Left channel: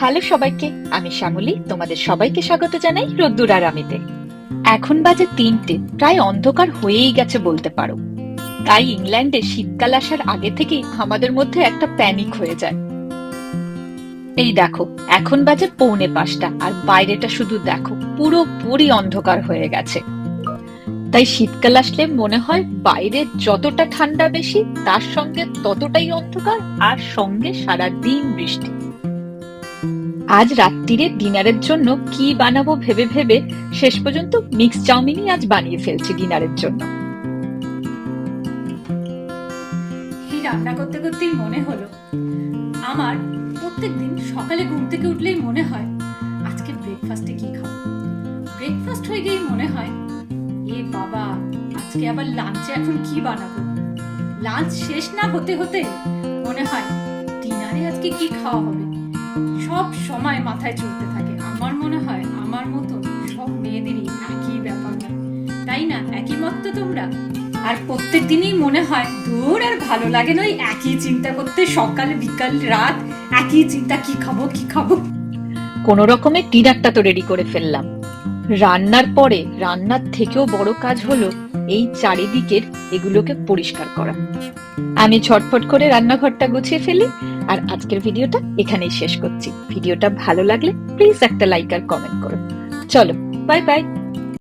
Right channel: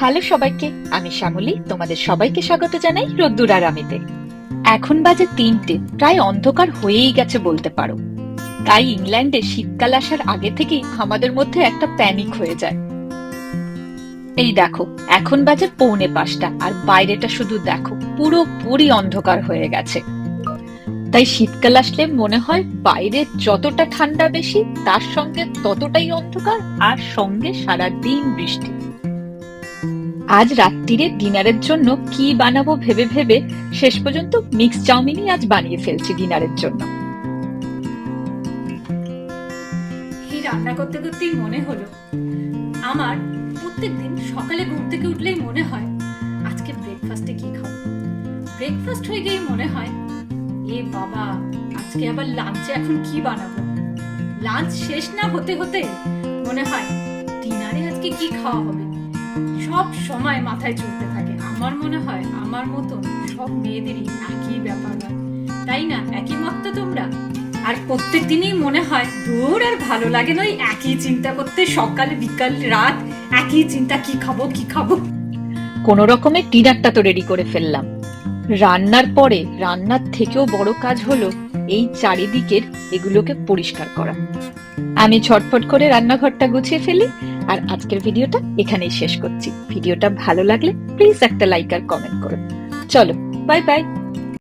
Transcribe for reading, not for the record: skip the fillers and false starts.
Hello সবাইকে, আমি শ্যামলী। তোমাদের সবাইকে স্বাগত জানাই রোদ্দুর আর আমিতে। এখন বাজে 3টে, প্রায় অন্ধকার হয়েই গেছে বলতে পারো। তাই ইংল্যান্ডে শীতকাল আসার আগে থেকেই আমাদের মধ্যে একটা প্যানিক হয়ে যায়। এই দেখো, এখন বাজে 4:45 আর বাইরেটা শুধু দেখো, পুরোপুরি অন্ধকার হয়ে গেছে। তাই শীতকাল আসলে মনে হয় বাইরে যতটা ঠান্ডা বেশি, তার সঙ্গে ততটাই অন্ধকার, আর সঙ্গে সারাদিন বৃষ্টি। আজ রাত্তিরে ডিনারের জন্য কি বানাবো ভেবে ভেবে শেষ পর্যন্ত মিক্স চাউমিনই আজ বানিয়ে ফেলছি ডিনারের জন্য। এই রান্না করতে করতেই মনে হলো, আমার প্রত্যেকদিন সকালে ঘুম থেকে উঠলেই মনে হয় আজকে ব্রেকফাস্টে কি খাবো। ব্রেকফাস্ট হয়ে গিয়েই মনে হয় এ বাবা, আজকে আবার লাঞ্চে এখন কি বানাবো। লাঞ্চ শেষ না হতে হতে মনে হয় ডিনারে আজকে কি খাওয়া হবে। সব সময় মাথায় চলতে থাকে। আমার মনে হয় আমার মতন সব মেয়েদেরই একই ব্যাপার হয়, তাই না? একই মত তো তোমরা? আর প্রত্যেক দিনই মনে হয় দূর, আর ভালো লাগে না ওই একই চিন্তা করতে, সকাল বিকাল রাত একই চিন্তা, কি খাবো কি খাবো। কোনো রকমে ডিনারটা তো রেডি করে ফেললাম। রান্নার পরে রান্নার থেকেও বড় কাজ হলো এই চারিদিকের এগুলোকে পরিষ্কার করা। আমি ঝটফট করে রান্নাঘরটা গুছিয়ে ফেলি। আর আজকের ভিডিওটা এখানেই শেষ করছি। ভিডিওটা ভালো লাগলে প্লিজ একটা লাইক আর কমেন্ট করো। চলো, বাই বাই।